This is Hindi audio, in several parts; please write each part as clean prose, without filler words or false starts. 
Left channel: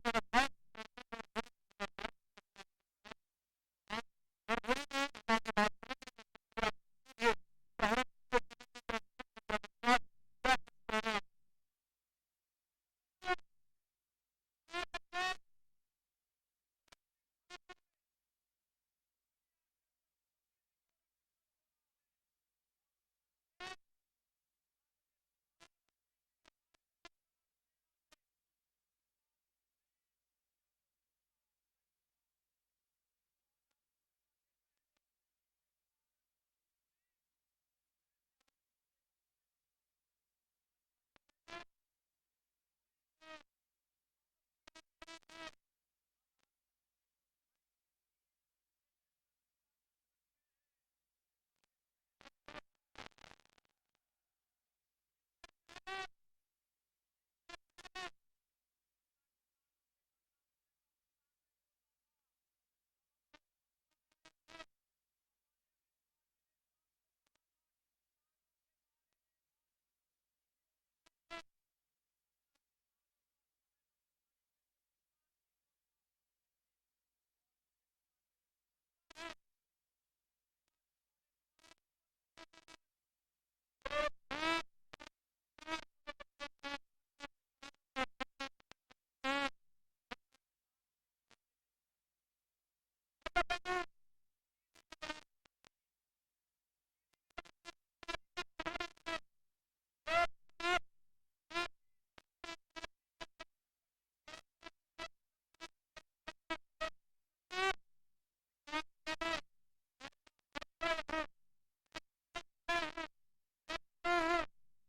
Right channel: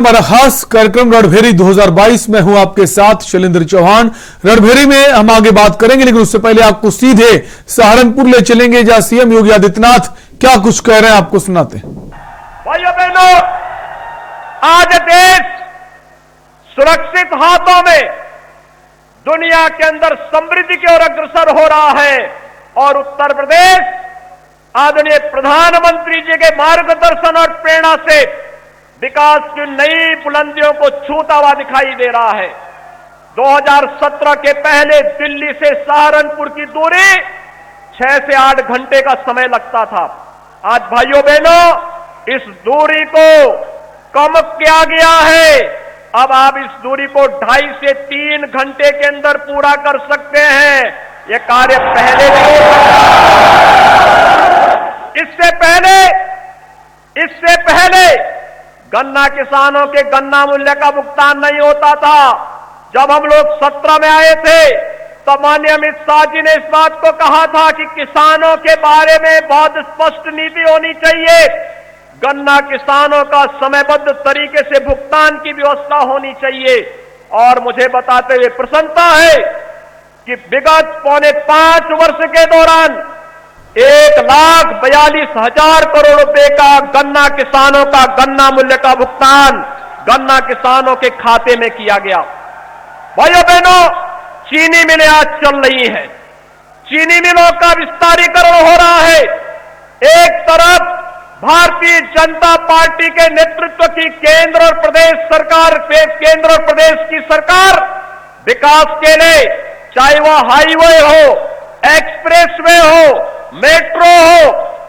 हमारा खास कार्यक्रम रणभेरी 2022 में हूं आपके साथ शैलेंद्र चौहान। रणभेरी में हम आगे बात करेंगे, लेकिन उससे पहले आपको सीधे सहारनपुर ले चलेंगे, जहां सीएम योगी आदित्यनाथ क्या कुछ कह रहे हैं आपको सुनाते हैं। भाइयों बहनों, आज देश सुरक्षित हाथों में दुनिया के अंदर समृद्धि की ओर अग्रसर हो रहा है और उत्तर प्रदेश आदरणीय प्रधानमंत्री जी के मार्गदर्शन और प्रेरणा से विकास की नई बुलंदियों को छूता हुआ दिखाई दे रहा है। 2017 के पहले दिल्ली से सहारनपुर की दूरी 6 से 8 घंटे का समय लगता था। आज भाइयों बहनों, इस दूरी को कम किया गया है। अब आप इस दूरी को 2.5 से 3 घंटे के अंदर पूरा कर सकते हैं। यह कार्य पहले नहीं इससे पहले गन्ना किसानों के गन्ना मूल्य का भुगतान नहीं होता था। जब हम लोग 17 में आए थे तो माननीय अमित शाह जी ने इस बात को कहा था कि किसानों के बारे में बहुत स्पष्ट नीति होनी चाहिए, गन्ना किसानों का समयबद्ध तरीके से भुगतान की व्यवस्था होनी चाहिए। और मुझे बताते हुए प्रसन्नता है कि विगत 4.5 वर्ष के दौरान 1,42,000 करोड़ रुपए का गन्ना किसानों का गन्ना मूल्य का भुगतान गन्ना किसानों के खाते में किया गया। भाइयों बहनों, चीनी मिलें आज चल रही है, चीनी मिलों का विस्तारीकरण हो रहा है। एक तरफ भारतीय जनता पार्टी के नेतृत्व की केंद्र और प्रदेश की सरकार विकास के लिए, चाहे वह हाईवे हो, एक्सप्रेसवे हो, मेट्रो हो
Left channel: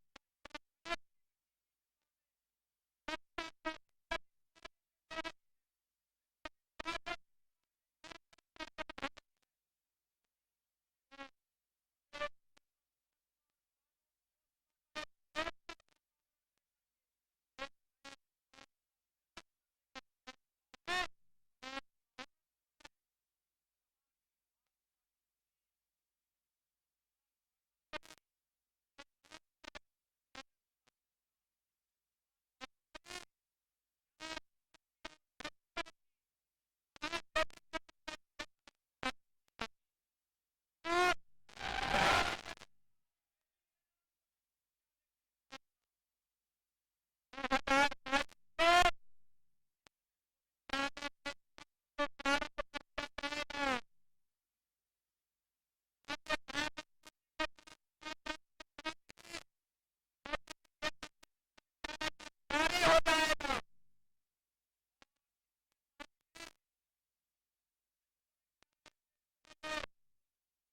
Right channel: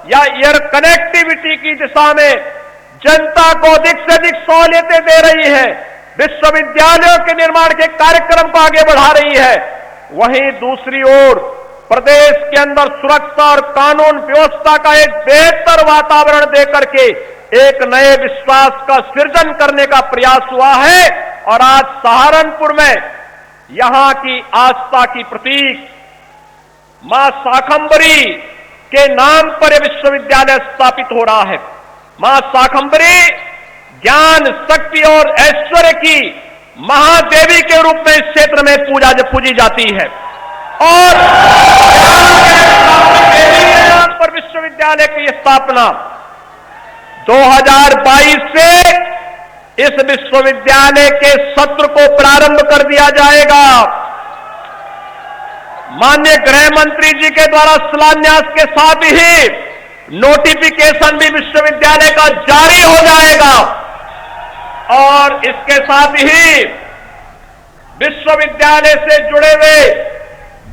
या एयर कनेक्टिविटी की दिशा में जनता को अधिक से अधिक सहूलियतें दे रही है, विश्वविद्यालयों के निर्माण के कार्यक्रम को आगे बढ़ा रही है। वहीं दूसरी ओर प्रदेश के अंदर सुरक्षा और कानून व्यवस्था का एक बेहतर वातावरण देकर के एक नए विश्वास का सृजन करने का प्रयास हुआ है। और आज सहारनपुर में यहां की आस्था की प्रतीक मां शाकंभरी के नाम पर विश्वविद्यालय स्थापित हो रहा है। मां शाकंभरी ज्ञान, शक्ति और ऐश्वर्य की महादेवी के रूप में इस क्षेत्र में पूजी जाती है और देवी के नाम पर विश्वविद्यालय की स्थापना 2022 से इस विश्वविद्यालय के सत्र को प्रारंभ कर दिया जाएगा। माननीय गृह मंत्री जी के द्वारा शिलान्यास के साथ ही नोटिफिकेशन भी विश्वविद्यालय का जारी हो जाएगा और इसके साथ ही विश्वविद्यालय से जुड़े हुए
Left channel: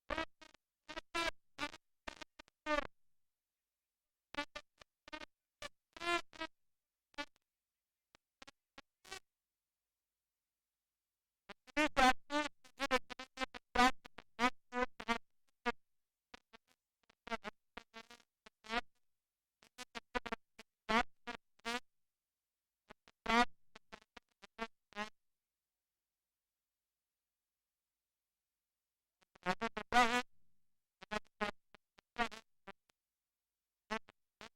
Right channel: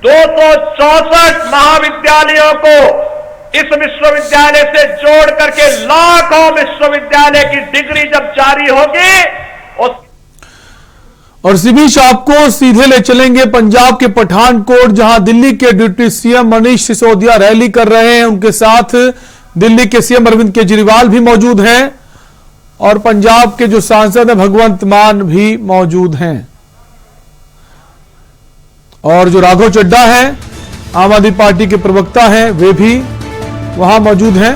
264 महाविद्यालयों को इस विश्वविद्यालय से जोड़ करके लाखों विश्वविद्यालय की डिग्री जब जारी होगी। और इसी बीच आपको सीधे ले चलेंगे पंजाब के पठानकोट, जहां दिल्ली के deputy CM Manish Sisodia rally कर रहे हैं। उनके साथ दिल्ली के सीएम अरविंद केजरीवाल भी मौजूद हैं और पंजाब के जो सांसद हैं भगवंत मान भी मौजूद हैं और जो राघव चड्ढा है आम आदमी पार्टी के प्रवक्ता हैं, वे भी वहां मौजूद हैं।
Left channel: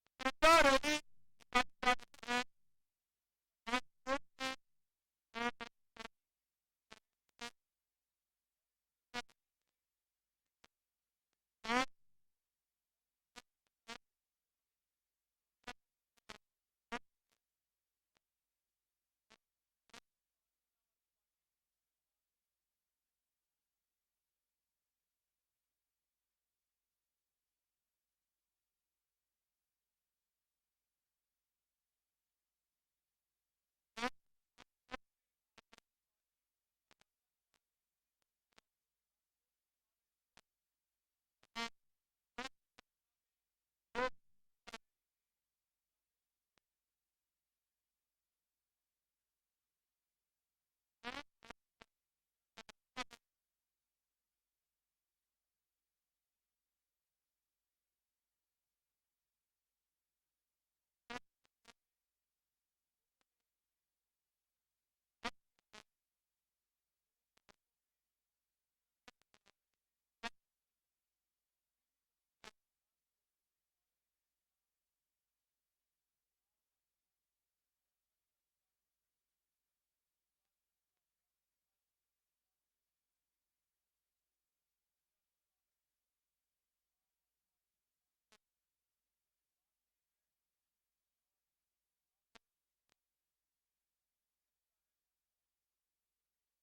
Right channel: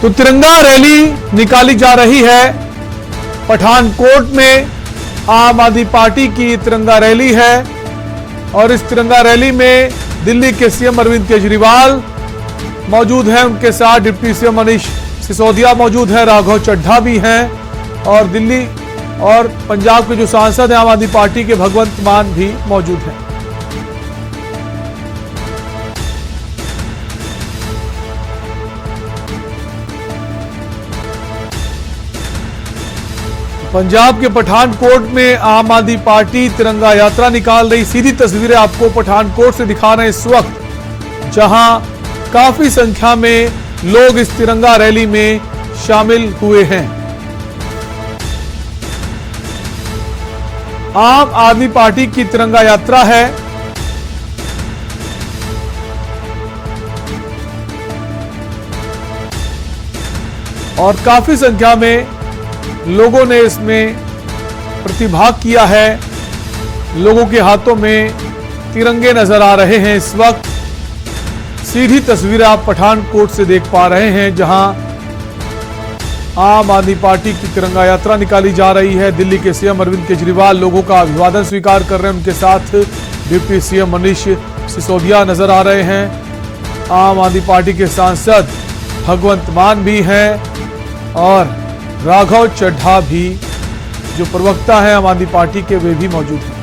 तो तिरंगा रैली निकाली जा रही है पठानकोट में। आम आदमी पार्टी की तिरंगा रैली है और इस तिरंगा रैली में दिल्ली के सीएम अरविंद केजरीवाल मौजूद हैं, उनके साथ डिप्टी सीएम मनीष सिसोदिया मौजूद है, राघव चड्ढा भी हैं और दिल्ली और पंजाब के जो सांसद हैं आम आदमी पार्टी के भगवंत मान भी मौजूद हैं। पंजाब के पठानकोट में आम आदमी पार्टी तिरंगा यात्रा निकाल रही। सीधी तस्वीरें आपको पठानकोट से दिखा रहे हैं इस वक्त, जहां काफी संख्या में लोग इस तिरंगा रैली में शामिल हुए हैं। आम आदमी पार्टी की तिरंगा यात्रा है और काफी संख्या में लोगों ने इसमें प्रतिभाग किया है। लोगों के हाथों में तिरंगे नजर आ रहे हैं इस वक्त। सीधी तस्वीरें आप पठानकोट से देख पा रहे हैं, जहां आम आदमी पार्टी की तिरंगा यात्रा निकाली जा रही है। दिल्ली के सीएम अरविंद केजरीवाल लोगों का अभिवादन स्वीकार कर रहे हैं। उनके साथ डिप्टी सीएम मनीष सिसोदिया नजर आ रहे हैं। आम आदमी पार्टी के सांसद भगवंत मान भी हैं और राघव चड्ढा भी जो प्रवक्ता हैं आम आदमी पार्टी के, वे भी मौजूद हैं।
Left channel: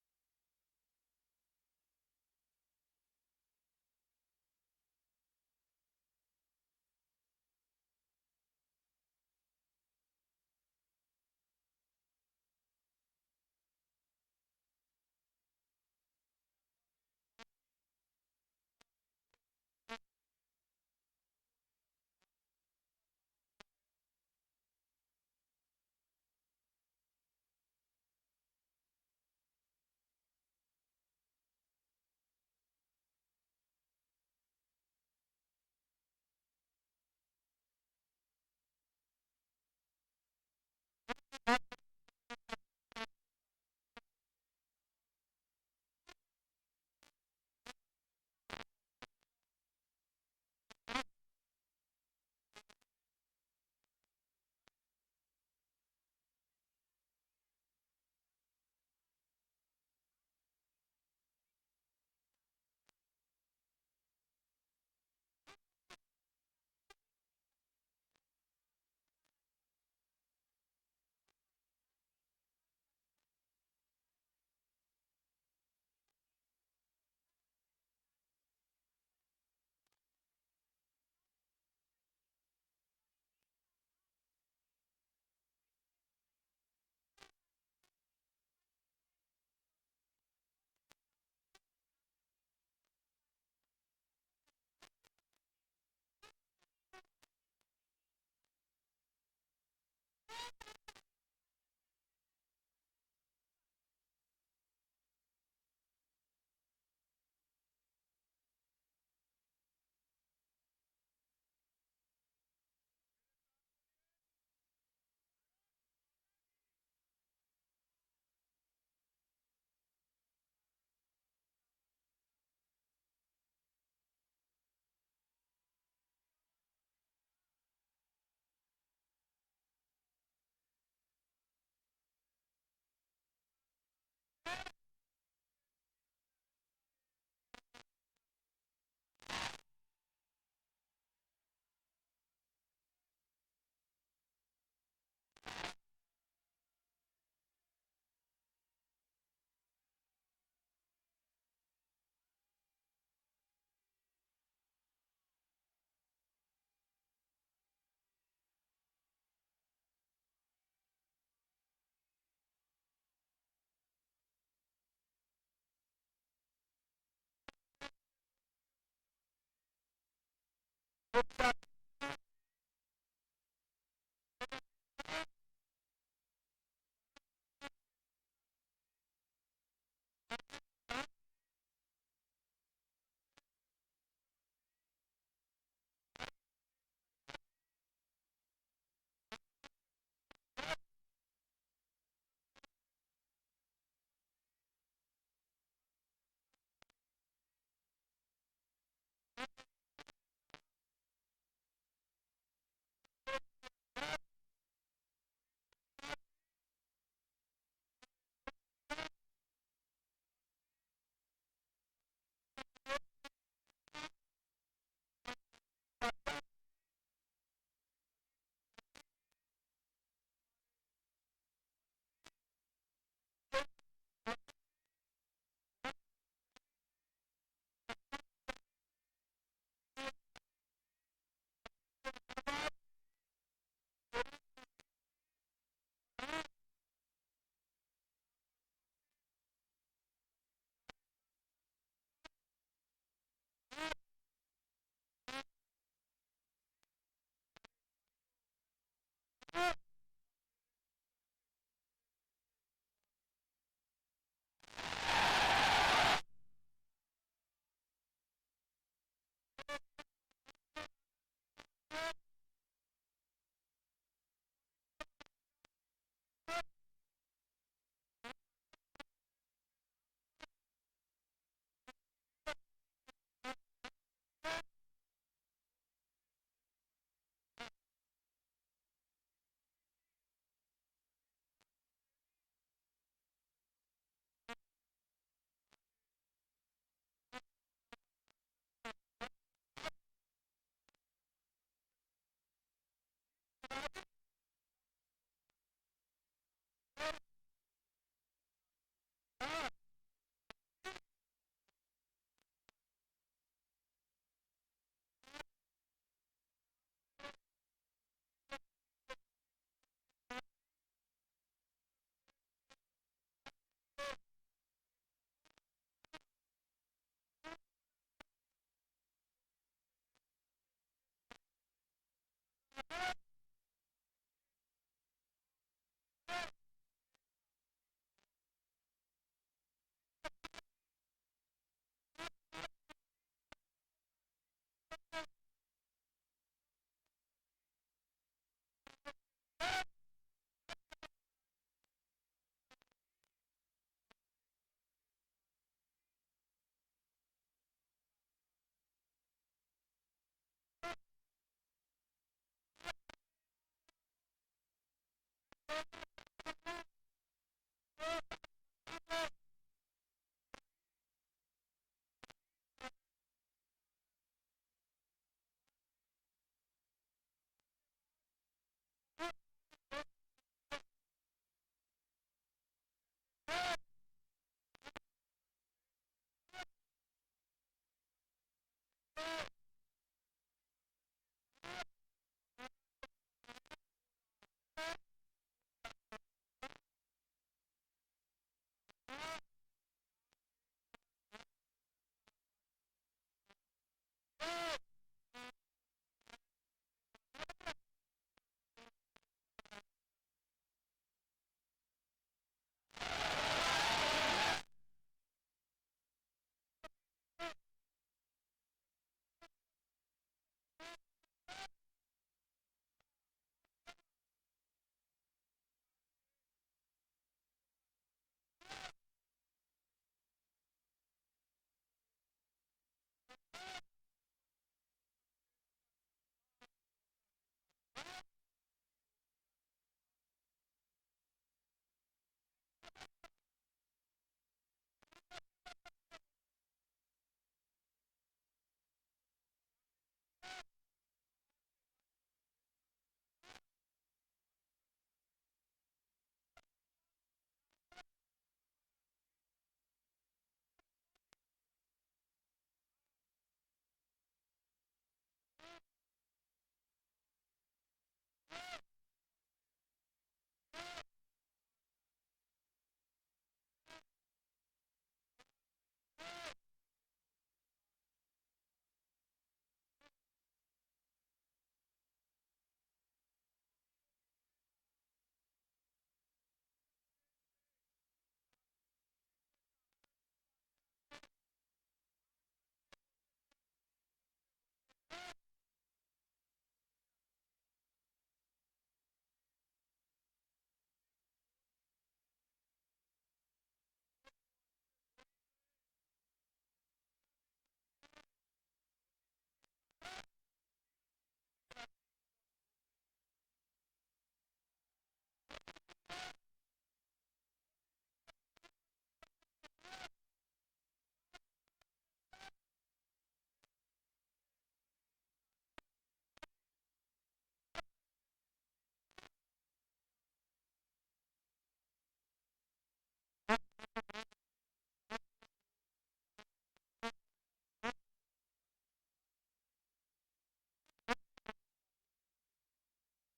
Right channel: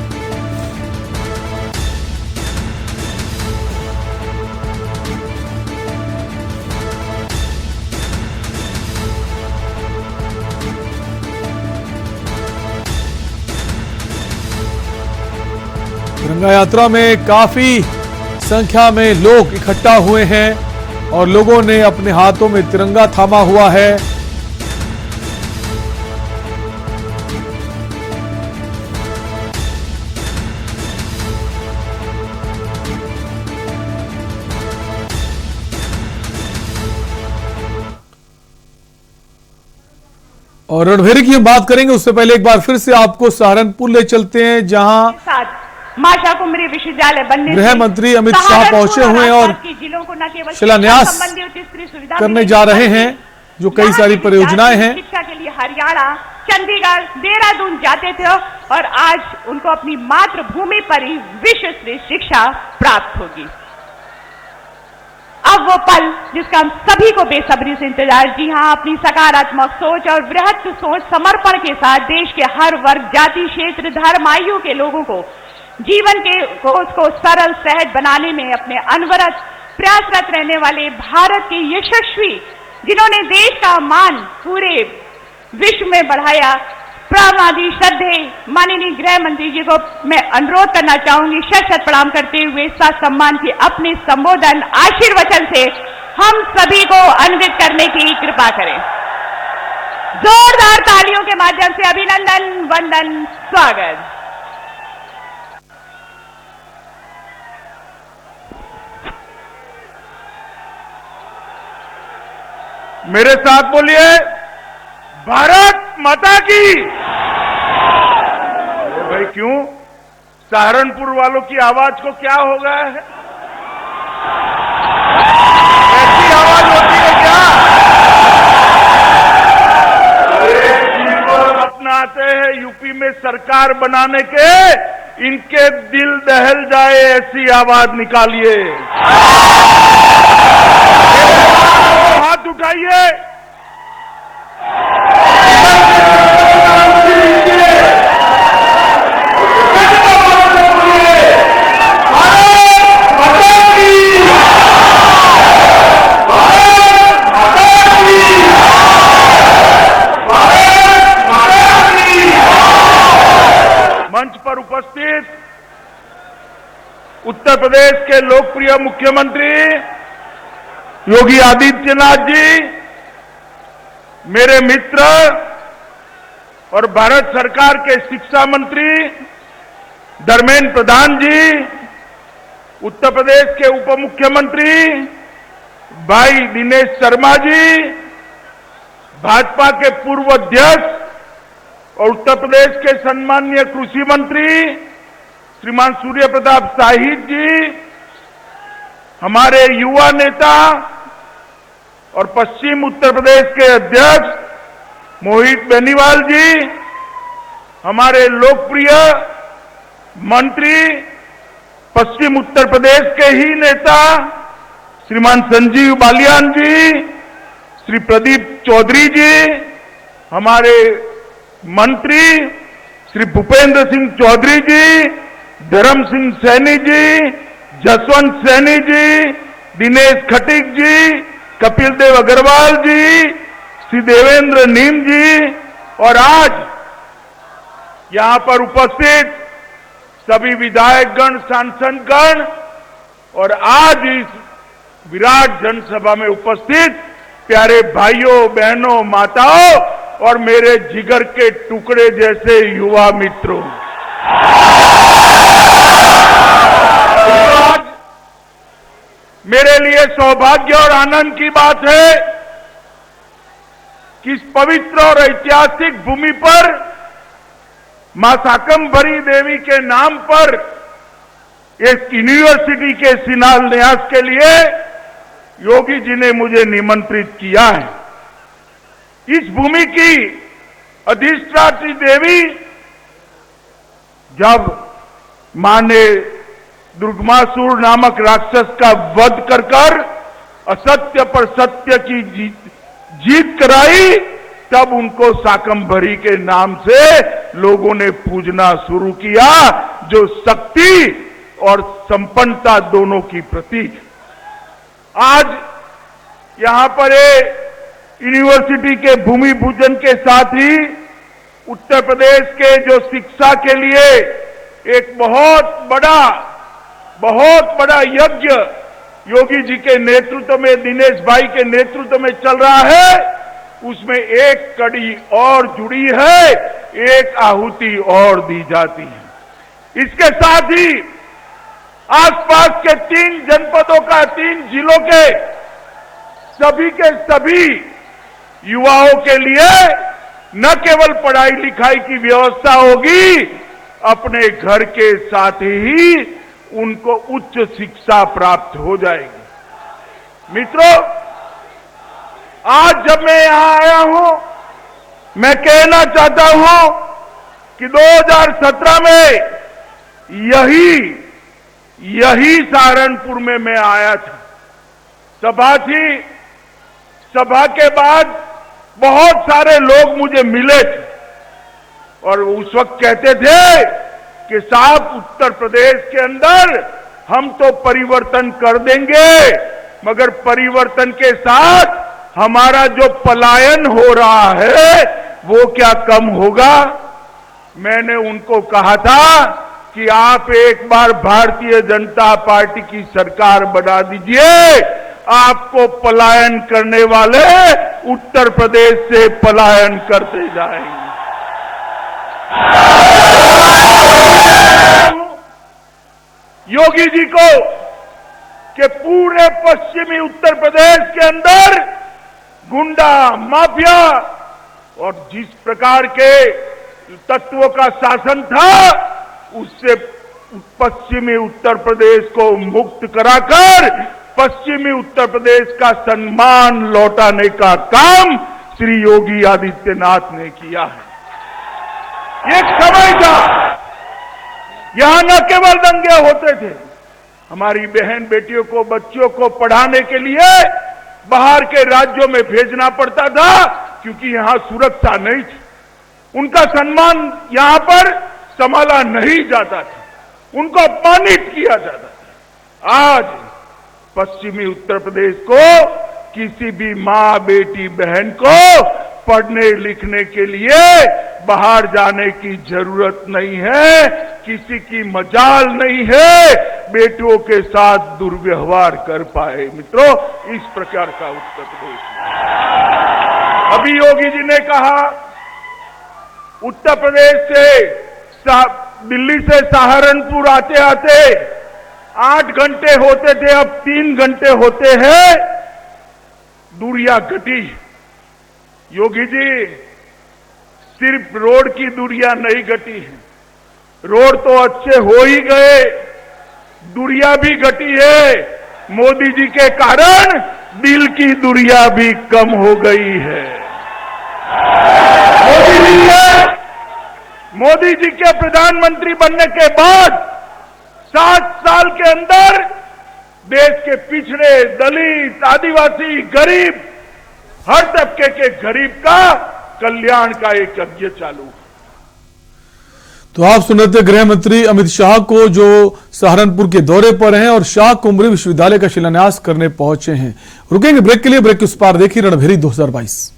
तिरंगा यात्रा में काफी संख्या में लोग इकट्ठा हुए हैं और लोगों ने अपने हाथों में तिरंगा थामा हुआ है। और रणभेरी की हम बात करेंगे, उससे पहले एक बार फिर से आपको सहारनपुर ले चलते हैं, जहां मां शाकुंभरी विश्वविद्यालय बनने गृह मंत्री अमित शाह पहुंचे हुए हैं और शिलान्यास करने जा रहे हैं जो कई सारी परियोजनाएं हैं। शिक्षा के लिए हरियाणा, चंडीगढ़, देहरादून जाते थे और आज उनको अपनी मातृभूमि पर ही विश्व स्तरीय शिक्षा प्राप्त होगी। अब वो पल जिसका हम सभी को बेसब्री से इंतजार। जी हां, अपनी सकारात्मक सोच और वृहत सोच समर्पण के साथ देश के हर वर्ग, जाति, क्षेत्र, धर्म, आयु के लोगों को जीवन के को सरल सहज बनाने में अपने अनवरत प्रयासरत रहने वाले भारत के यशस्वी, जिन्होंने देश का मान पूरे विश्व में बढ़ाया, प्रमादी श्रद्धे माननीय गृह मंत्री जी को मैं अनुरोध करना चाहूंगी शत शत प्रणाम करते हुए साथ सम्मान के अपने संबोधन आशीर्वचन से हम सभी को अन्वित करने की कृपा करें। जोरदार तालियों के माध्यम से अभिनंदन, वंदन, स्वागत। मेरे साथ बोलिए, भारत माता की। भाई क्यों सहारनपुर वालों की आवाज को क्या हो गया है? ऐसी आवाज होती है क्या? अपनाते हैं यूपी में सरकार बनाने के, इनके दिल दहल जाए ऐसी आवाज निकालिए। हाथ उठाइए। मंच पर उपस्थित उत्तर प्रदेश के लोकप्रिय मुख्यमंत्री योगी आदित्यनाथ जी, मेरे मित्र और भारत सरकार के शिक्षा मंत्री धर्मेंद्र प्रधान जी, उत्तर प्रदेश के उप मुख्यमंत्री भाई दिनेश शर्मा जी, भाजपा के पूर्व अध्यक्ष और उत्तर प्रदेश के सम्माननीय कृषि मंत्री श्रीमान सूर्य प्रताप शाही जी, हमारे युवा नेता और पश्चिम उत्तर प्रदेश के अध्यक्ष मोहित बेनीवाल जी, हमारे लोकप्रिय मंत्री पश्चिम उत्तर प्रदेश के ही नेता श्रीमान संजीव बालियान जी, श्री प्रदीप चौधरी जी, हमारे मंत्री श्री भूपेंद्र सिंह चौधरी जी, धर्म सिंह सैनी जी, जसवंत सैनी जी, दिनेश खटीक जी, कपिल देव अग्रवाल जी, श्री देवेंद्र नीम जी और आज यहां पर उपस्थित सभी विधायकगण, सांसदगण और आज इस विराट जनसभा में उपस्थित प्यारे भाइयों, बहनों, माताओं और मेरे जिगर के टुकड़े जैसे युवा मित्रों, मेरे लिए सौभाग्य और आनंद की बात है कि इस पवित्र और ऐतिहासिक भूमि पर मां शाकंभरी देवी के नाम पर एक यूनिवर्सिटी के शिलान्यास के लिए योगी जी ने मुझे निमंत्रित किया है। इस भूमि की अधिष्ठात्री देवी जब मां ने दुर्गमासुर नामक राक्षस का वध कर असत्य पर सत्य की जीत कराई, तब उनको शाकंभरी के नाम से लोगों ने पूजना शुरू किया, जो शक्ति और संपन्नता दोनों की प्रतीक। आज यहां पर यूनिवर्सिटी के भूमि पूजन के साथ ही उत्तर प्रदेश के जो शिक्षा के लिए एक बहुत बड़ा यज्ञ योगी जी के नेतृत्व में, दिनेश भाई के नेतृत्व में चल रहा है, उसमें एक कड़ी और जुड़ी है, एक आहुति और दी जाती है। इसके साथ ही आसपास के 3 जनपदों का, 3 जिलों के सभी युवाओं के लिए न केवल पढ़ाई लिखाई की व्यवस्था होगी, अपने घर के साथ ही उनको उच्च शिक्षा प्राप्त हो जाएगी। मित्रों, आज जब मैं यहां आया हूं, मैं कहना चाहता हूं कि 2017 में यही सहारनपुर में मैं आया था। सभा थी, सभा के बाद बहुत सारे लोग मुझे मिले थे और उस वक्त कहते थे कि साहब, उत्तर प्रदेश के अंदर हम तो परिवर्तन कर देंगे, मगर परिवर्तन के साथ हमारा जो पलायन हो रहा है वो क्या कम होगा? मैंने उनको कहा था कि आप एक बार भारतीय जनता पार्टी की सरकार बना दीजिए, आपको पलायन करने वाले उत्तर प्रदेश से पलायन करते जाएंगे। योगी जी को कि पूरे पश्चिमी उत्तर प्रदेश के अंदर गुंडा माफिया और जिस प्रकार के तत्वों का शासन था, उससे पश्चिमी उत्तर प्रदेश को मुक्त कराकर पश्चिमी उत्तर प्रदेश का सम्मान लौटाने का काम श्री योगी आदित्यनाथ ने किया है। एक समय था यहां न केवल दंगे होते थे, हमारी बहन बेटियों को, बच्चियों को पढ़ाने के लिए बाहर के राज्यों में भेजना पड़ता था, क्योंकि यहां सुरक्षा नहीं थी। उनका सम्मान यहां पर संभाला नहीं जाता था, उनको अपमानित किया जाता था। आज पश्चिमी उत्तर प्रदेश को किसी भी मां, बेटी, बहन को पढ़ने लिखने के लिए बाहर जाने की जरूरत नहीं है, किसी की मजाल नहीं है बेटियों के साथ दुर्व्यवहार कर पाए। मित्रों, इस प्रकार का उत्तर प्रदेश अभी योगी जी ने कहा, उत्तर प्रदेश से दिल्ली से सहारनपुर आते आते 8 घंटे होते थे, अब 3 घंटे होते हैं। दूरियां घटी। योगी जी, सिर्फ रोड की दूरियां नहीं घटी है, रोड तो अच्छे हो ही गए, दूरियां भी घटी है। मोदी जी के कारण दिल की दूरियां भी कम हो गई है। मोदी जी के प्रधानमंत्री बनने के बाद 7 साल के अंदर देश के पिछड़े, दलित, आदिवासी, गरीब, हर तबके के गरीब का कल्याण का एक यज्ञ चालू है। तो आप सुन रहे थे गृह मंत्री अमित शाह को, जो सहारनपुर के दौरे पर हैं और शाह कुंभरी विश्वविद्यालय का शिलान्यास करने पहुंचे हैं। रुकेंगे ब्रेक के लिए, ब्रेक के उस पार देखिए रणभेरी 2022।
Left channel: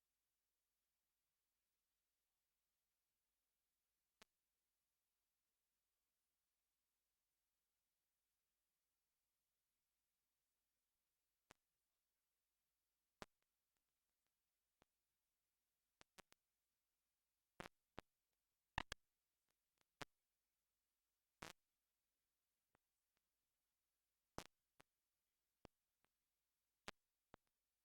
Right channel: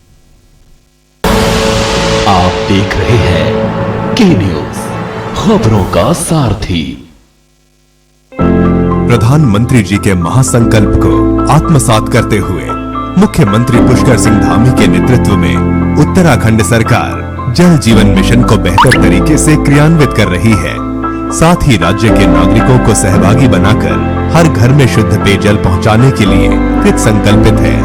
आप देख रहे हैं के न्यूज, खबरों का सारथी। प्रधानमंत्री जी के महासंकल्प को आत्मसात करते हुए मुख्यमंत्री पुष्कर सिंह धामी के नेतृत्व में उत्तराखंड सरकार जल जीवन मिशन को बेहतर तरीके से क्रियान्वित कर रही है। साथ ही राज्य के नागरिकों को सहभागी बनाकर हर घर में शुद्ध पेयजल पहुंचाने के लिए कृत संकल्पित है।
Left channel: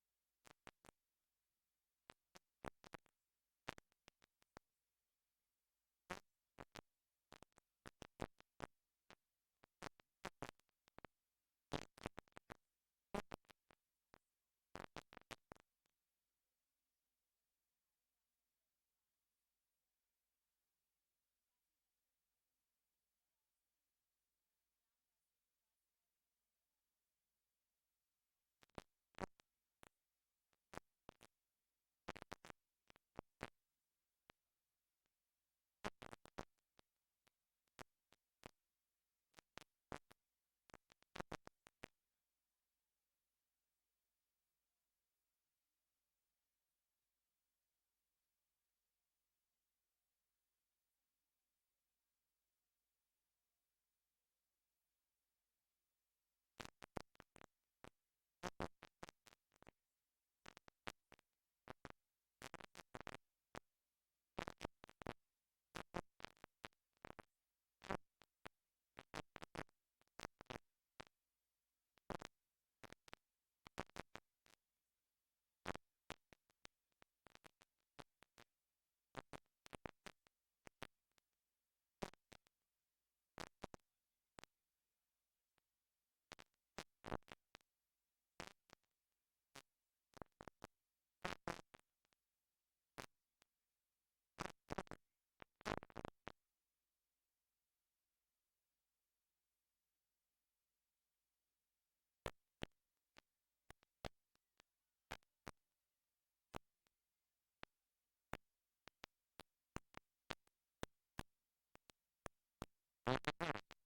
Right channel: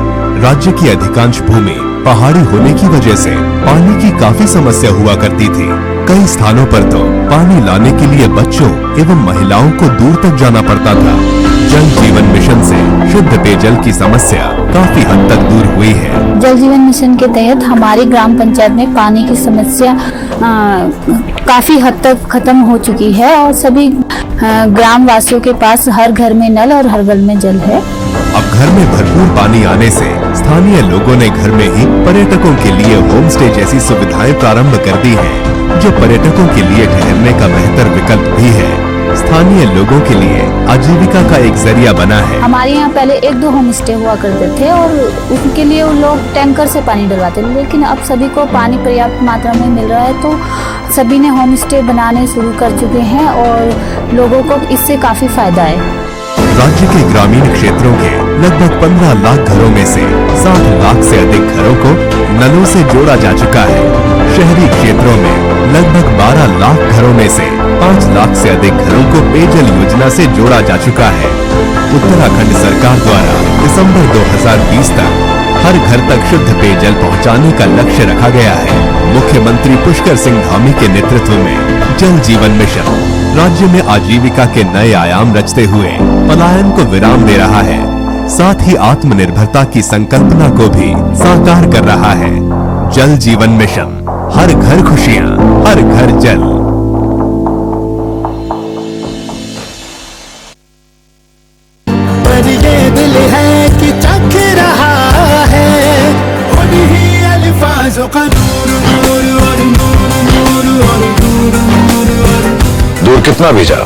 राज्य की अधिकांश भूमि पहाड़ी होने की वजह से पानी की काफी समस्या हुआ करती थी। कई स्थानों पर तो पानी लाने के लिए बच्चों एवं महिलाओं को दूर तक जाना पड़ता था। जल जीवन मिशन से शुद्ध पेयजल की समस्या काफी हद तक दूर हुई है। जल जीवन मिशन के तहत हमारी ग्राम पंचायत में पानी की समस्या काफ़ी हद तक खत्म हो चुकी है और सभी ग्राम वासियों के पास हर घर में नल और हर घर में जल है। अब घर में भरपूर पानी आने से स्थानीय लोगों ने घर में ही पर्यटकों के लिए होम स्टे जैसी सुविधाएं प्रारंभ कर दी हैं, जो पर्यटकों के लिए ठहरने का बेहतर विकल्प भी है। स्थानीय लोगों के लिए आजीविका का एक जरिया बना है। हमारे यहाँ पहले 1-2 होम स्टे हुआ करते थे और उनके लिए वो लोग टैंकर से पानी डलवाते थे, लेकिन अब सभी को पानी पर्याप्त मात्रा में मिल रहा है तो सभी ने होम स्टे बनाने शुरू कर चुके हैं और लोगों को इससे काफी फायदा है। राज्य के ग्रामीण क्षेत्रों के लगभग 15 लाख घरों में से 60 लाख से अधिक घरों को नलों से जोड़ा जा चुका है। शहरी क्षेत्रों में लगभग 12 लाख घरों में से 5 लाख से अधिक घरों को पेयजल योजना से जोड़ा जा चुका है। उत्तराखंड सरकार द्वारा दिसंबर 2020 तक हर घर तक शुद्ध पेयजल पहुंचाने का लक्ष्य रखा गया है। मुख्यमंत्री पुष्कर सिंह धामी के नेतृत्व में जल जीवन मिशन राज्य में आजीविका के नए आयाम रचते हुए पलायन को विराम दे रहा है, साथ ही आत्मनिर्भरता की संकल्पना को भी साकार कर रहा है। जल जीवन मिशन, हर घर खुशियां, हर घर जल। पर ये दिल है कि चख रहा है उन्हीं अल्फाजों का दूर कितना भी जाओ,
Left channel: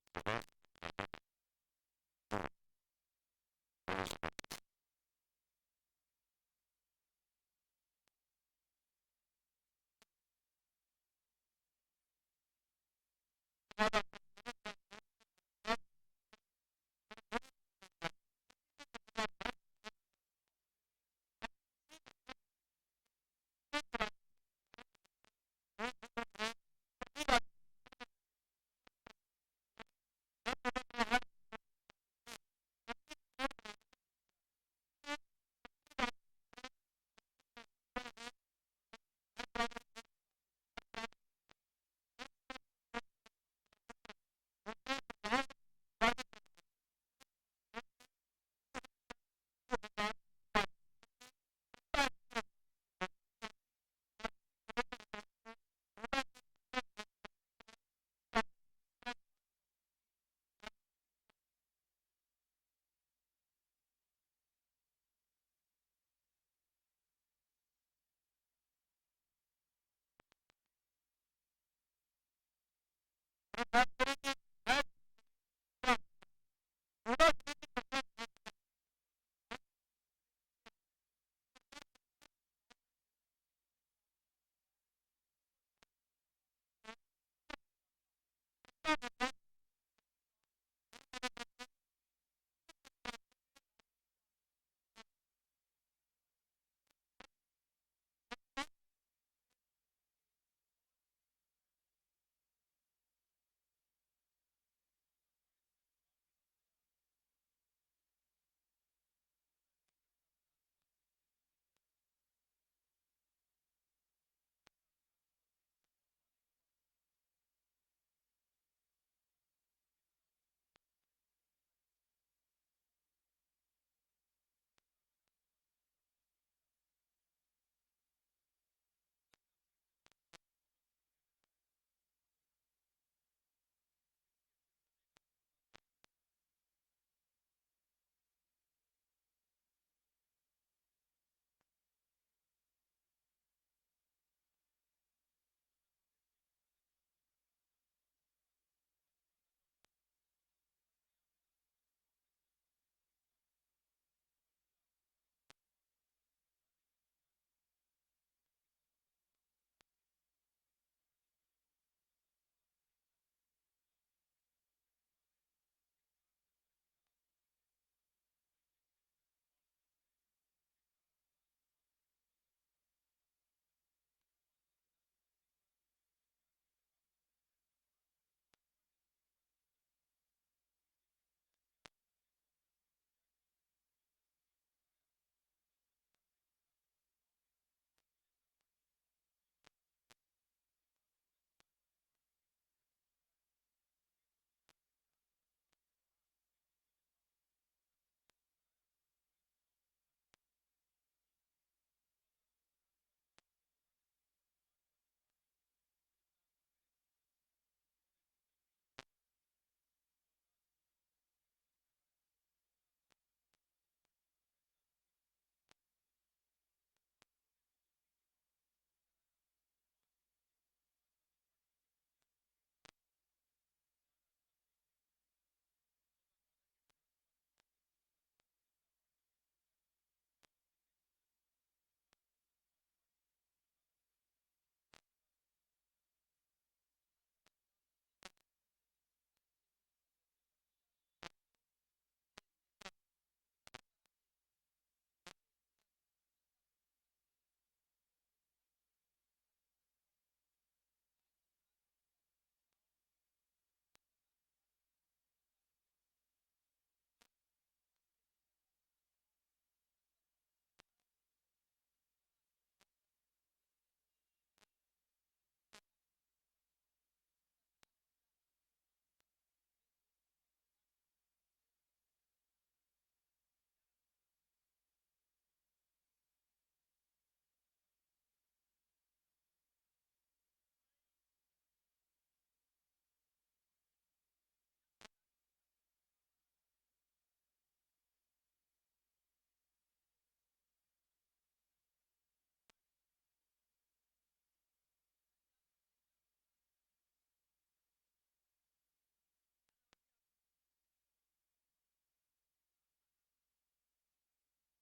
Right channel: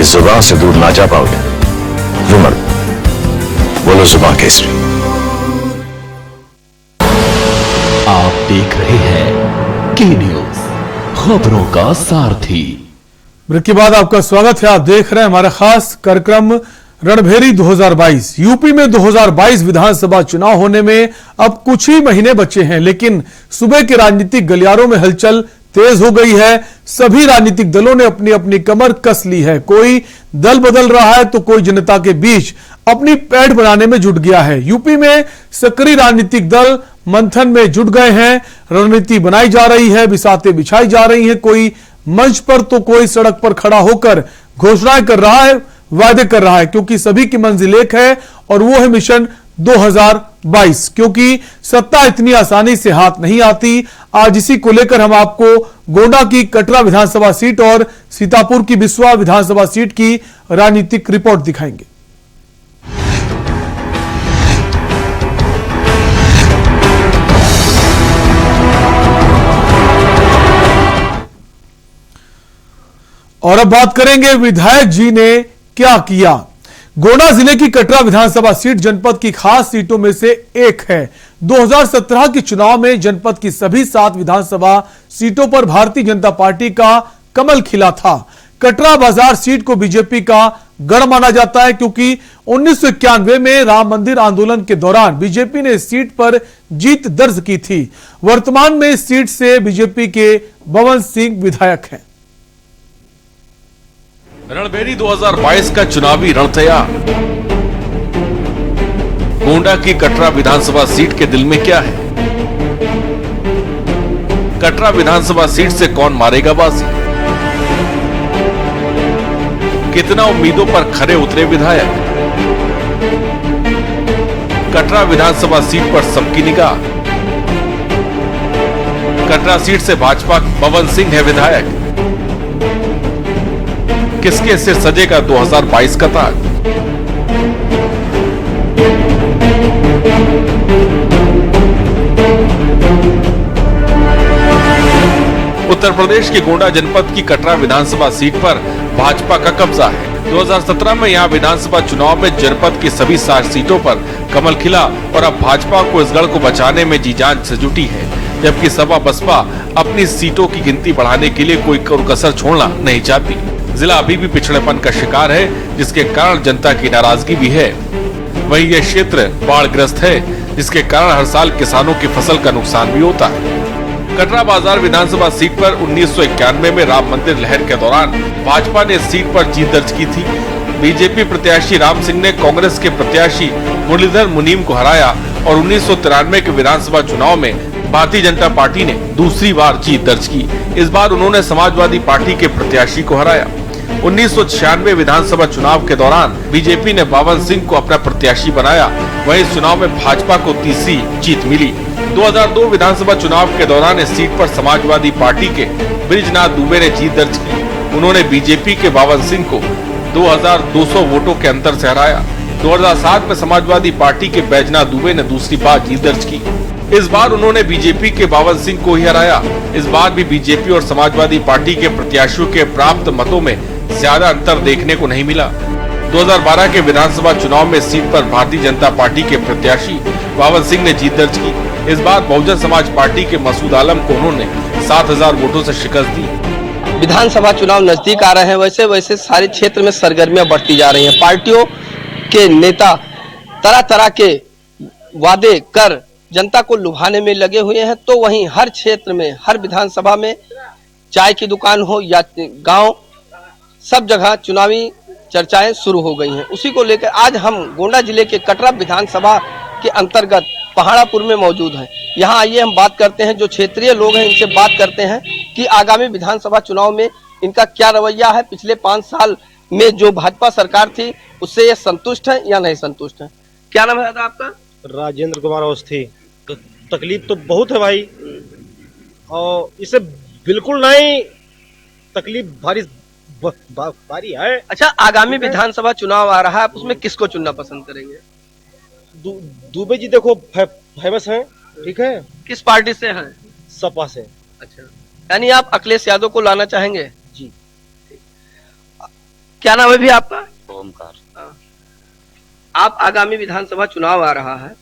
इस जुबान से दूर ना जा पाओगे। रुमर बोलो जुबान केसरी। आप देख रहे हैं के न्यूज, खबरों का सारथी। ब्रेक के बाद आपका स्वागत है। आप देख रहे हैं हमारा खास कार्यक्रम रणभेरी 2022। यूपी में 2022 विधानसभा चुनाव होने में अब कुछ ही महीने बचे हैं, लेकिन सुबह के राजनीतिक गलियारों में हलचल तेज हो गई है। सभी राजनीतिक दलों ने अपनी अपनी कमर कस ली है। कोई दल बदल रहा है तो कोई जनता के बीच अपनी पैठ बनाने में जुट गया है। यूपी में सक्रिय राजनीतिक दल मंथन में जुट गए हैं। रणनीति बनाई जा रही है, बिसातें बिछाई जा रही है। कोई मंच पर तो कोई सड़क पर खड़ा होकर घोषणाएं कर रहा है, वायदे कर रहा है, क्योंकि सभी की मंजिल एक है और वो है मिशन 2022। क्योंकि सत्ता इतनी आसानी से हाथ नहीं आती। आज इसी को लेकर हम आपको गोंडा की कटरा विधानसभा सीट और सीतापुर की बिस्वा विधानसभा सीट की राजनीतिक रिपोर्ट दिखाएंगे। और अब बात करेंगे विधायक जी ने क्या किया। गोंडा जिले की कटरा विधानसभा सीट जनपद की खास सीटों में से एक है। 2017 के चुनाव में जनपद की सभी 7 विधानसभा सीटों पर भारतीय जनता पार्टी का कमल खिला था। कटरा बाजार सीट को बीजेपी का गढ़ माना जाता है, क्योंकि 1991 में राम मंदिर आंदोलन के दौरान बीजेपी ने इस सीट पर जीत दर्ज की थी। वर्तमान में इस सीट से बीजेपी के बवन सिंह विधायक हैं। रणभेरी 2022 का चुनावी रण तैयार। गोंडा की कटरा विधानसभा सीट के दिल में क्या है? कटरा विधानसभा सीट से कौन मारेगा बाजी? कितना उम्मीदों पर खरे उतरे विधायक? कटरा विधानसभा सीट पर सबकी निगाह। कटरा सीट से भाजपा बवन सिंह है विधायक। किसके सिर सजेगा 2022 का ताज? उत्तर प्रदेश के गोंडा जनपद की कटरा विधानसभा सीट पर भाजपा का कब्जा है। 2017 में यहां विधानसभा चुनाव में जनपद की सभी 7 सीटों पर कमल खिला और अब भाजपा को इस गढ़ को बचाने में जी जान से जुटी है, जबकि सपा बसपा अपनी सीटों की गिनती बढ़ाने के लिए कोई कसर छोड़ना नहीं चाहती। जिला अभी भी पिछड़ेपन का शिकार है, जिसके कारण जनता की नाराजगी भी है। वहीं यह क्षेत्र बाढ़ग्रस्त है, जिसके कारण हर साल किसानों की फसल का नुकसान भी होता है। कटरा बाजार विधानसभा सीट पर 1991 में राम मंदिर लहर के दौरान भाजपा ने इस सीट पर जीत दर्ज की थी। बीजेपी प्रत्याशी राम सिंह ने कांग्रेस के प्रत्याशी मुरलीधर मुनीम को हराया और 1993 के विधानसभा चुनाव में भारतीय जनता पार्टी ने दूसरी बार जीत दर्ज की। इस बार उन्होंने समाजवादी पार्टी के प्रत्याशी को हराया। 1996 विधानसभा चुनाव के दौरान बीजेपी ने बावन सिंह को अपना प्रत्याशी बनाया। वहीं इस चुनाव में भाजपा को तीसरी जीत मिली। 2002 विधानसभा चुनाव के दौरान इस सीट पर समाजवादी पार्टी के बृजनाथ दुबे ने जीत दर्ज की। उन्होंने बीजेपी के बावन सिंह को 2200 वोटों के अंतर से हराया। 2007 में समाजवादी पार्टी के बैजनाथ दुबे ने दूसरी बार जीत दर्ज की। इस बार उन्होंने बीजेपी के बावन सिंह को ही हराया। इस बार भी बीजेपी और समाजवादी पार्टी के प्रत्याशियों के प्राप्त मतों में ज्यादा अंतर देखने को नहीं मिला। 2012 के विधानसभा चुनाव में सीट पर भारतीय जनता पार्टी के प्रत्याशी बावन सिंह ने जीत दर्ज की। इस बार बहुजन समाज पार्टी के मसूद आलम को उन्होंने 7000 वोटों से शिकस्त दी। विधानसभा चुनाव नजदीक आ रहे हैं, वैसे वैसे सारे क्षेत्र में सरगर्मियां बढ़ती जा रही हैं। पार्टियों के नेता तरह तरह के वादे कर जनता को लुभाने में लगे हुए हैं, तो वहीं हर क्षेत्र में, हर विधानसभा में, चाय की दुकान हो या गांव, सब जगह चुनावी चर्चाएं शुरू हो गई हैं। उसी को लेकर आज हम गोंडा जिले के कटरा विधानसभा के अंतर्गत पहाड़ापुर में मौजूद हैं। यहाँ आइए हम बात करते हैं, जो क्षेत्रीय लोग हैं इनसे बात करते हैं कि आगामी विधानसभा चुनाव में इनका क्या रवैया है। पिछले 5 साल में जो भाजपा सरकार थी उससे ये संतुष्ट है या नहीं संतुष्ट है। क्या नाम है आपका? राजेंद्र कुमार अवस्थी। तो तकलीफ तो बहुत है भाई, और इसे बिल्कुल नहीं तकलीफ भारी है। अच्छा, आगामी विधानसभा चुनाव आ रहा है, आप उसमें किसको चुनना पसंद करेंगे? दुबे जी देखो फेमस हैं, ठीक है। किस पार्टी से हैं? सपा से। अच्छा, यानी आप अखिलेश यादव को लाना चाहेंगे? जी। क्या नाम है भी आपका? ओमकार। आप आगामी विधानसभा चुनाव आ रहा है,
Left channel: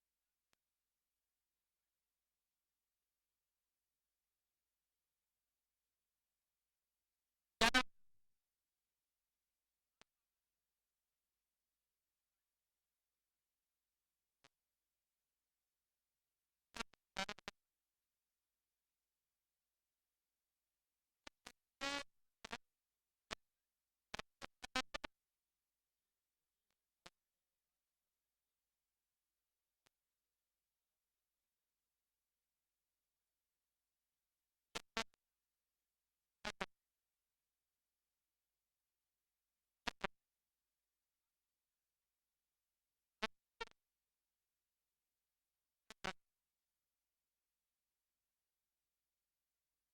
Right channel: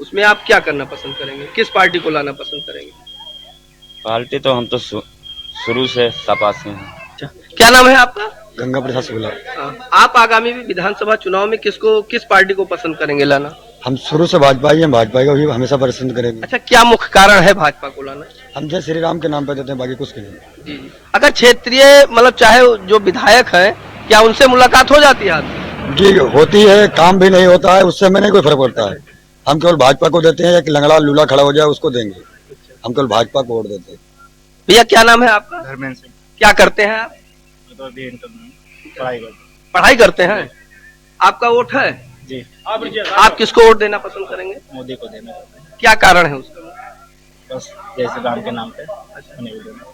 उसमें आप क्या करना पसंद करेंगे? किस पार्टी को लाना पसंद करेंगे? पार्टी तो हम तो शुरू से सपा से हैं। अच्छा, क्या नाम है आपका? गंगा प्रसाद शुक्ला। आप आगामी विधानसभा चुनाव में किस पार्टी को पसंद करेंगे लाना? हम शुरू से भाजपा ही हैं, भाजपा को ही हमेशा पसंद करेंगे। अच्छा, क्या मुख्य कारण है भाजपा को लाना? हम जय श्री राम के नाम पे देते हैं, बाकी कुछ के नहीं। जी। अगर क्षेत्रीय मतलब चाहे जो विधायक है, क्या उनसे मुलाकात हो जाती है आपकी? जी होती है, काम भी नहीं होता है, उससे हमें नहीं कोई फर्क पड़ता है। हम केवल भाजपा को देते हैं, या लंगड़ा लूला खड़ा हो जाए उसको देंगे। हम केवल भाजपा को वोट देते हैं। भैया क्या नाम है आपका? धर्मेंद्र सिंह। क्या करते हैं आप? पढ़ाई करते हैं। आपका वोट है? जी। आप किसको वोट देना पसंद करेंगे? मोदी को देना। क्या कारण है उसका? बस जैसे राम के नाम पे।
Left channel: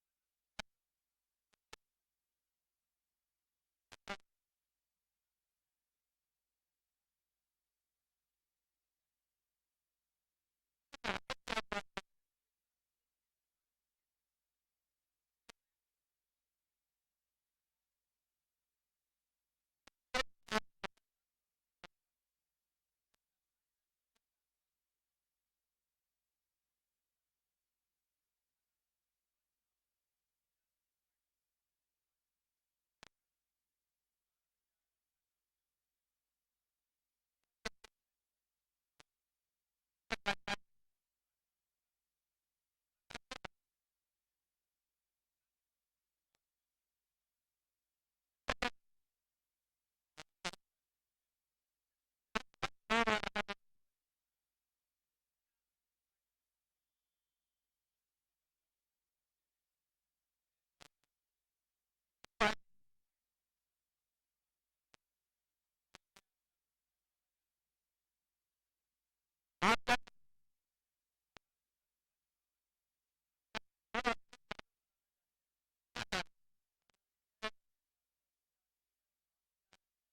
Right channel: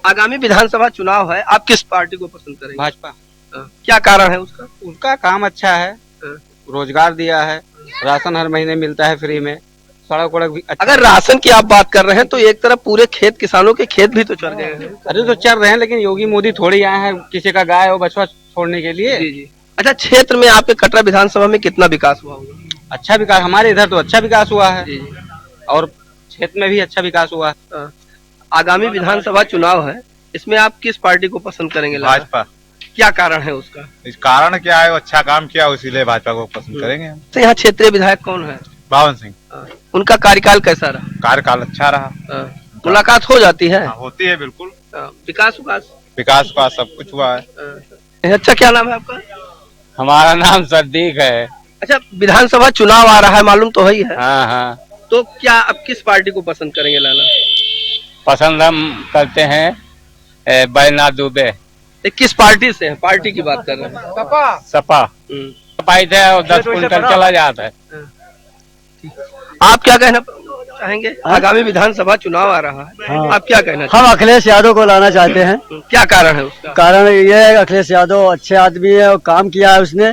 आगामी विधानसभा चुनाव है, आप किस पार्टी को पसंद करेंगे? भाजपा। क्या कारण है उसका? उनका काम अच्छा है, रोजगार दिया है, राशन हर महीने मिलता है फ्री में, सड़क वड़क भी अच्छा। अगर राशन की आप बात कर रहे हैं तो एक तरफ पूरे खेत, किसानों के खेत भी तो चल गए हैं। अरे तो चल रहे हैं, लेकिन योगी मोदी थोड़ी आए हैं किसी का गाय और बछवा छोड़ने के लिए। जी जी। अच्छा, क्षेत्र में आपके कटरा विधानसभा में कितना विकास हुआ होगा? अच्छा विकास, हमारे इधर तो अच्छा विकास हुआ है और क्षेत्र में भी अच्छा विकास हुआ है। आगामी विधानसभा चुनाव है, इसमें आप किस पार्टी को पसंद करेंगे? भाजपा। क्या कारण है उसका? इस कारण क्या है, अच्छा काम किया इसीलिए भाजपा को पसंद करेंगे। तो यहाँ क्षेत्रीय विधायक कौन है? बावन सिंह। उनका कार्यकाल कैसा रहा? कार्यकाल अच्छा रहा। मुलाकात हो जाती है? होती है बिल्कुल। विकास का सब कुछ हुआ है। अच्छा, क्या नाम है आपका? हमारा नाम सदीक है। अच्छा, विधानसभा चुनाव आ रहा है, मालूम तो ही है। हाँ हाँ। तो क्या आप किस पार्टी को पसंद करेंगे लाना? पसंद हम करते हैं बैजनाथ दुबे। किस पार्टी से है? पार्टी की बात कर रहे हैं। सपा। सपा थे और 10 क्विंटल चला जाता है। आप क्या कहना चाहेंगे? आगामी विधानसभा चुनाव आ रहा है, हाँ। आप क्या कहना? हम अखिलेश यादव को लाना चाहते हैं। क्या कारण है उसका? कारण ये है, अखिलेश यादव अच्छे आदमी है और काम किया है उसने।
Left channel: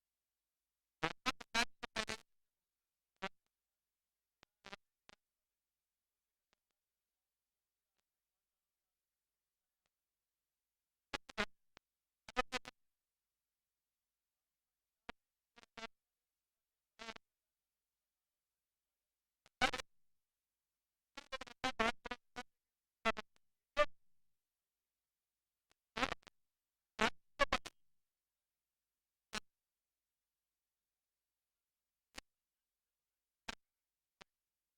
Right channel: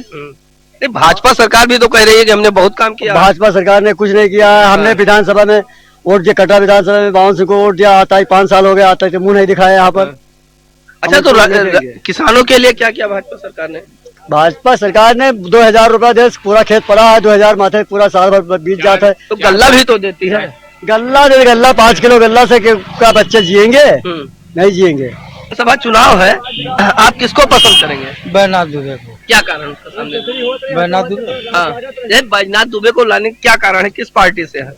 भाजपा सरकार भी तो कह रही है कि हमने बहुत काम किया। भाजपा सरकार ने कुछ नहीं किया है। हमने विधानसभा में वोट दिया, कटरा विधानसभा में बावन सिंह को वोट दिया। आता ही 5 साल हो गया, आता ही मुंह नहीं दिखाया यहाँ पर। अच्छा, तो किसानों के लिए क्या किया भाजपा सरकार ने? भाजपा सरकार ने 2000 रुपया दे, पूरा खेत पड़ा है, 2000 माथे पूरा साल भर बीत जाता है। तो गल्ला भी तो देती है। गल्ला दे, गल्ला 5 किलो गल्ला से क्या बच्चे जिएंगे? नहीं जिएंगे। सभा चुनाव है, आप किसको पसंद करेंगे? बैजनाथ दुबे को। क्या कारण उसका सामने? बैजनाथ दुबे। हाँ, बैजनाथ दुबे को लाने क्या कारण है? किस पार्टी से है?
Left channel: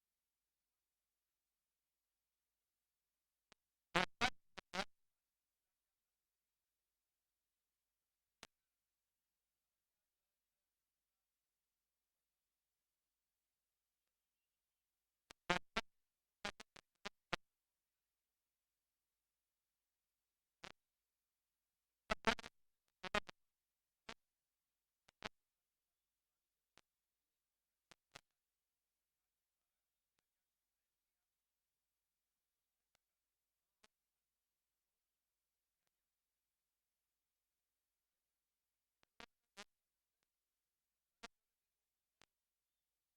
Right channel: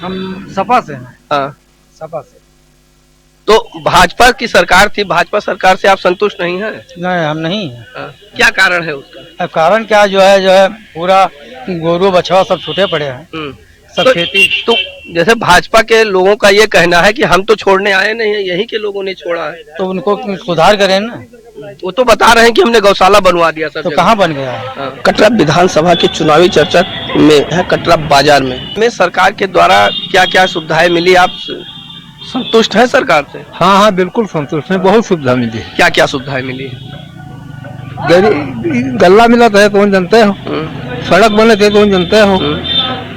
हम सपा से हैं। हाँ, सपा से। तो भाजपा की सरकार थी, भाजपा सरकार से आप संतुष्ट नहीं है? नहीं, हम नहीं। क्या कारण है उसका? कारण क्या जो है पूरा गोरू बछवा सब छूटे पड़े हैं। सब तो, खेती। तो जैसे भाजपा के लोगों का ये कहना है कि हम तो छोड़ने आए नहीं है, यहीं के लोगों ने छोड़ा है। तो उनको सुधार करें ना। वो तो बता रहे हैं कि हमने गौशाला बनवा दिया सब। तो कहाँ बन गया है? कटरा विधानसभा के चुनावी चर्चा में है कटरा बाजार में सरकार के द्वारा क्या क्या सुविधाएं मिली, आप संतुष्ट है सरकार से? हाँ, बिल्कुल संतुष्ट है, बहुत सुविधा मिली। क्या क्या सुविधाएं मिली? गल्ला मिला तो है कौन जानते हो, सड़क बने थे कौन जानते हो,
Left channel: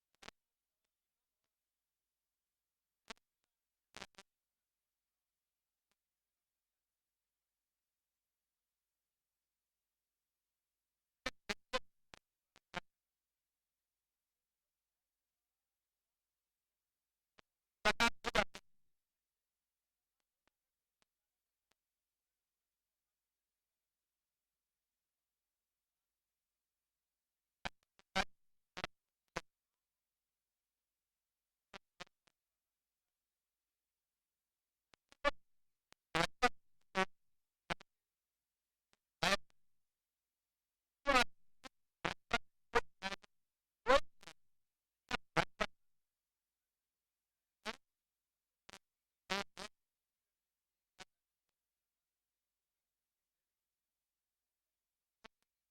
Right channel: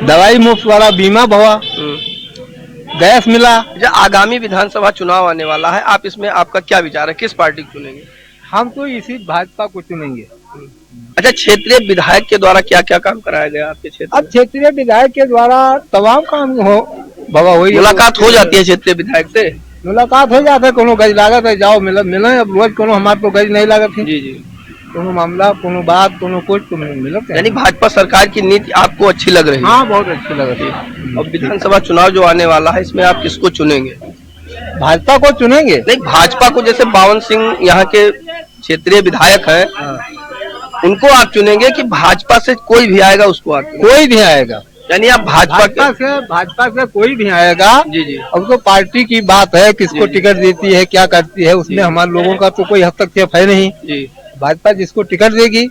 दवाई मुफ्त वाला बीमा भवा, गैस मिला। आगामी विधानसभा चुनाव आने वाला है, आप इसमें आपका क्या विचार है, किस पार्टी को चुनेंगे? हम तो इसी भाजपा को चुनेंगे। अच्छा, क्षेत्रीय विधायक के द्वारा क्या क्या काम कराया गया आपके क्षेत्र? अब क्षेत्रीय विधायक के द्वारा तमाम काम हो बाबा, वही मुलाकात हो जाती है क्षेत्रीय विधायक से? मुलाकात हो जाता है, कोनो गज लागत है जाओ मिले। अब रोज कोनो हमारे तो गज नहीं लागत है। जी। कोनो मामला, कोनो बात, कोनो कुछ तो मिलता है। यानी भाजपा सरकार की नीति आपको अच्छी लग रही है? हाँ, बहुत अच्छी लग रही है। अब विधानसभा चुनाव जो आने वाला है, इसमें आप किसको चुनेंगे? भाजपा को चुनेंगे? नहीं, भाजपा को, जैसे बावन सिंह यहाँ के क्षेत्रीय विधायक है, उनको आप चुनेंगे कि भाजपा से कोई भी आएगा उसको आप? कोई भी आएगा, यानी आप भाजपा से कोई भी आएगा। जी। अब तो पार्टी की बात है, किसको टिकट देती है, क्या करती है, उसमें हमारे लोगों का तो कोई हस्तक्षेप है नहीं। जी। भाजपा जिसको टिकट देगी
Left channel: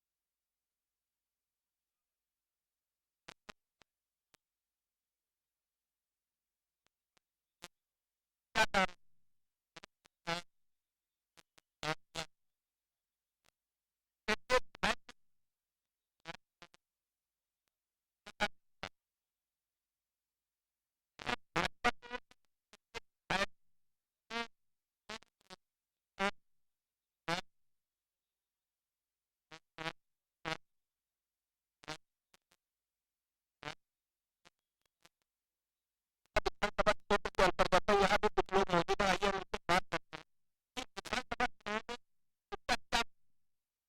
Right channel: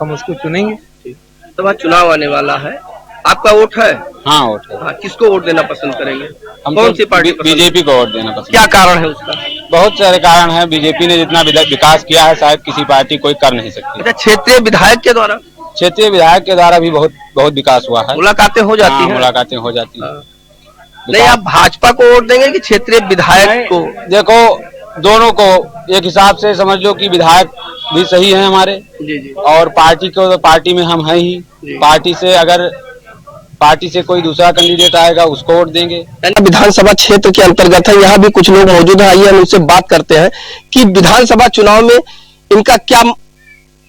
हम उसको चुनेंगे। तो चुनाव आने वाला है, आपका वोट है? हाँ, वोट है। हाँ, किसको वोट देना पसंद करेंगे? हम कौन सी पार्टी? बीजेपी को वोट देना पसंद। क्या कारण है उसका? बहुत सारे कारण है। बीजेपी ने जितना विकास किया है शायद किसी पार्टी कोई कर नहीं सकती। अच्छा, क्षेत्रीय विधायक के द्वारा? क्षेत्रीय विधायक के द्वारा भी बहुत विकास हुआ है। मुलाकातें हो जाती है? मुलाकातें हो जाती है। नहीं, आप भाजपा को वोट देंगे कि क्षेत्रीय विधायक को? देखो, दोनों को एक हिसाब से समझ लो कि विधायक भी सही है हमारे। जी। और पार्टी को, तो पार्टी में हम हैं ही। पार्टी से कोई दूसरा कैंडिडेट आएगा उसको वोट देंगे। विधानसभा क्षेत्र के अंतर्गत है, यहाँ भी कुछ लोग मौजूद हैं, आइए हम उनसे बात करते हैं कि विधानसभा चुनाव में इनका क्या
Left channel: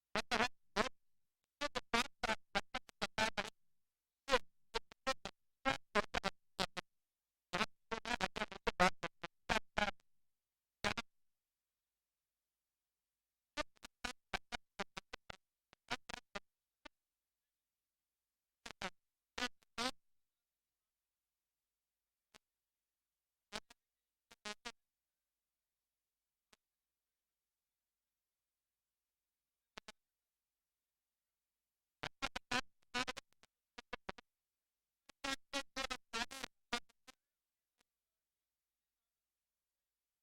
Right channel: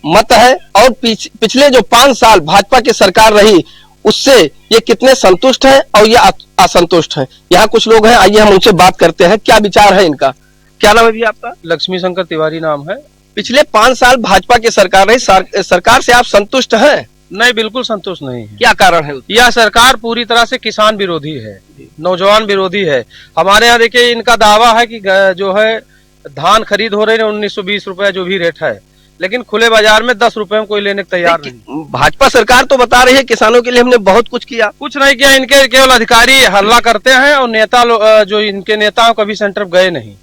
मत है और पिछले जो 5 साल भाजपा की सरकार रही उससे ये कितने संतुष्ट हैं और ये असंतुष्ट हैं। यहाँ कुछ लोग हैं, आइए हम उनसे बात करते हैं, क्या विचार है इनका। क्या नाम है भैया आपका? लक्ष्मी शंकर तिवारी नाम है। पिछले 5 साल भाजपा की सरकार रही, सरकार से आप संतुष्ट हैं? नहीं, बिल्कुल संतुष्ट नहीं है। क्या कारण है? यह सरकार पूरी तरह से किसान विरोधी है, नौजवान विरोधी है। हमारे यहाँ देखिए, इनका दावा है कि जो है धान खरीद हो रही है 1920 रुपए जो भी रेट है, लेकिन खुले बाजार में 10 रुपए में कोई लेने को तैयार नहीं। भाजपा सरकार तो बता रही है किसानों के लिए हमने बहुत कुछ किया। कुछ नहीं किया, इनके केवल अधिकारी हल्ला करते हैं और नेता जो इनके नेता कभी सेंटर गए नहीं,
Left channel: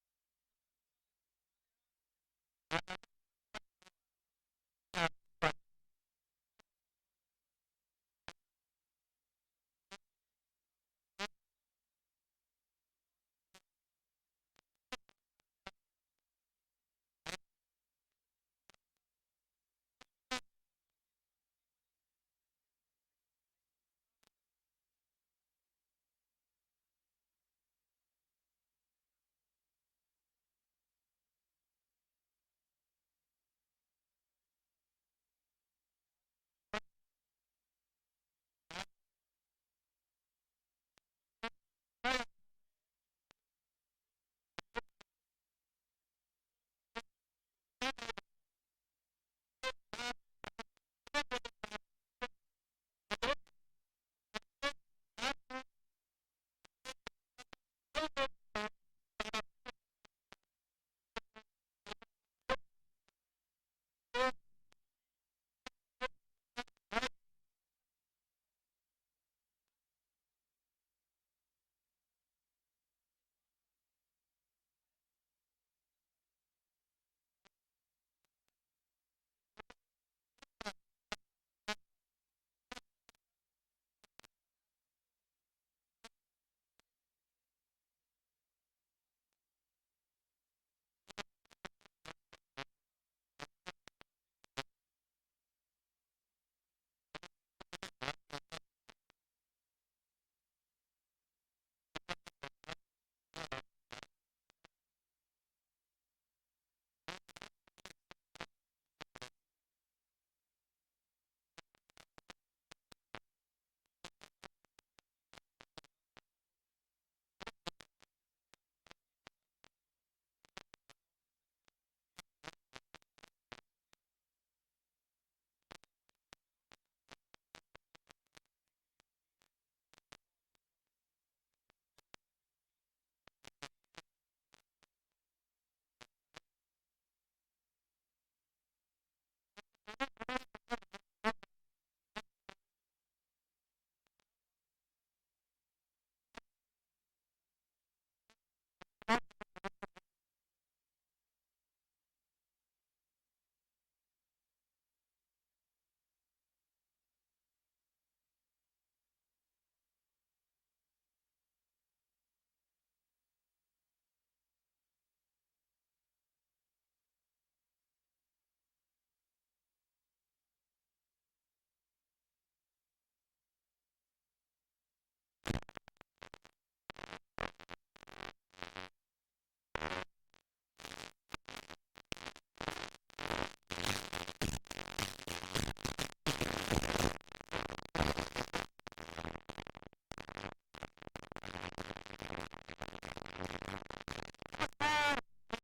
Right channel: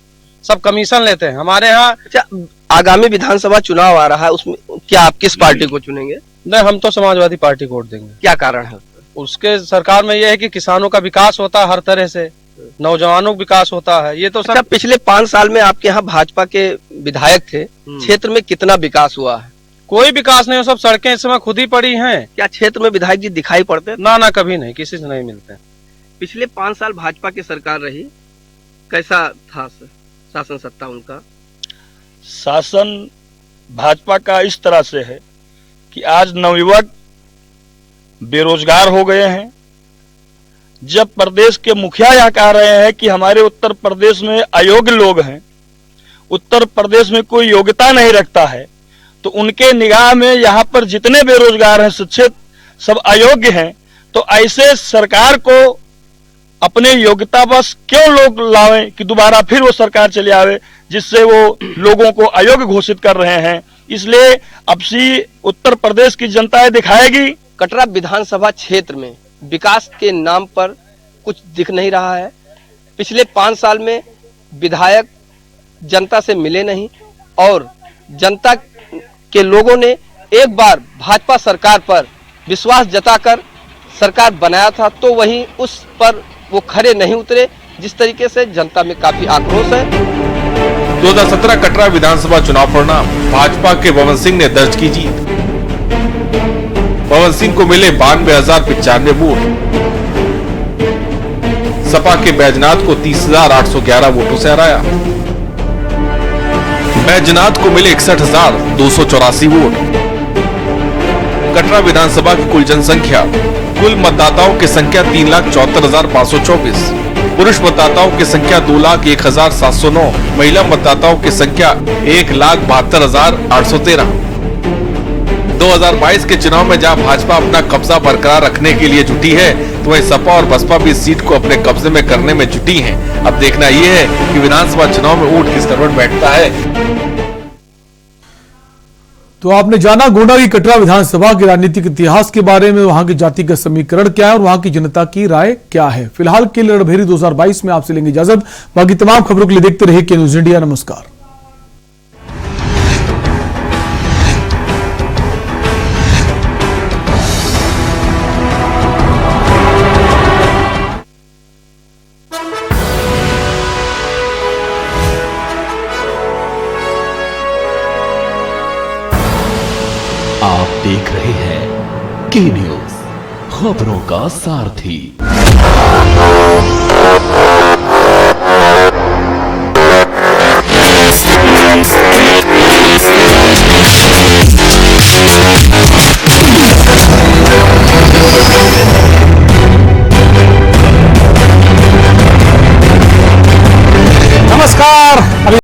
सब कमीशन लेते हैं हमारे यहाँ। आगामी विधानसभा चुनाव आ रहा है, उसमें क्या आप किस पार्टी को चुनेंगे? नहीं, हम तो समाजवादी पार्टी को वोट देंगे। क्या कारण है? उसके सरकार में यह है कि किसानों का विकास होता है, हर तरह से नौजवानों का विकास होता है। ये तो सब पिछले 5 साल में आपके यहाँ भाजपा के विधायक थे, क्षेत्र में कितना विकास हुआ है? कोई विकास नहीं, सब सड़कें इस समय खुद ही पड़ी हैं। क्या क्षेत्र में विधायक जी दिखाई पड़ते? ना, कभी नहीं, किसी से नहीं मिलते। पिछले 5 साल भाजपा की सरकार रही, कैसा था शासन सत्ता उनका? शासन भाजपा का इस तरह से है कि आज नवयुवक बेरोजगार हो गए हैं। जब प्रदेश के मुखिया यह कह रहे हैं कि हमारे उत्तर प्रदेश में अयोग्य लोग हैं, उत्तर प्रदेश में कोई योग्यता नहीं रखता है, तो उनके निगाह में यहाँ पर जितने बेरोजगार हैं, शिक्षित, सब अयोग्य हैं। तो ऐसे सरकार को अपने योग्यता बस क्यों लोग लावें कि दोबारा फिर वो सरकार चले आवे, जिससे वो लोगों को अयोग्य घोषित कर रहे हैं। इसलिए अब सी उत्तर प्रदेश की जनता दिखाएगी। कटरा विधानसभा क्षेत्र में विकास के नाम पर कुछ दिख नहीं रहा है। पिछले 5 साल में विधायक जनता से मिले नहीं और जनता के लोगों ने एक बार भाजपा सरकार पर विश्वास जताकर सरकार बनाया था, तो वहीं उस पर वो खरे नहीं उतरे, जिस तरीके से जनता में काफी आक्रोश है। 2017 कटरा विधानसभा चुनाव परिणाम, भाजपा के पवन सिंह ने दर्ज की जीत। पवन सिंह को मिले 92,095 वोट। सपा के बैजनाथ को 30,811 वोटों से हराया। बैजनाथ को मिले 61,284 वोट। कटरा विधानसभा की कुल जनसंख्या, कुल मतदाताओं की संख्या 3,74,524। पुरुष मतदाताओं की संख्या 2,01,709। महिला मतदाताओं की संख्या 1,72,813। 2022 के चुनाव में जहां भाजपा अपना कब्जा बरकरार रखने के लिए जुटी है, तो वहीं सपा और बसपा भी इस सीट को अपने कब्जे में करने में जुटी हैं। अब देखना यह है कि विधानसभा चुनाव में ऊंट किस करवट बैठता है। तो आपने जाना गोंडा की कटरा विधानसभा के राजनीतिक इतिहास के बारे में, वहां के जातिगत समीकरण क्या है और वहां की जनता की राय क्या है। फिलहाल के लिए रणभेरी 2022 में आपसे लेंगे इजाजत। बाकी तमाम खबरों के लिए देखते रहिए के न्यूज इंडिया। नमस्कार। आप देख रहे हैं के न्यूज, खबरों का सारथी।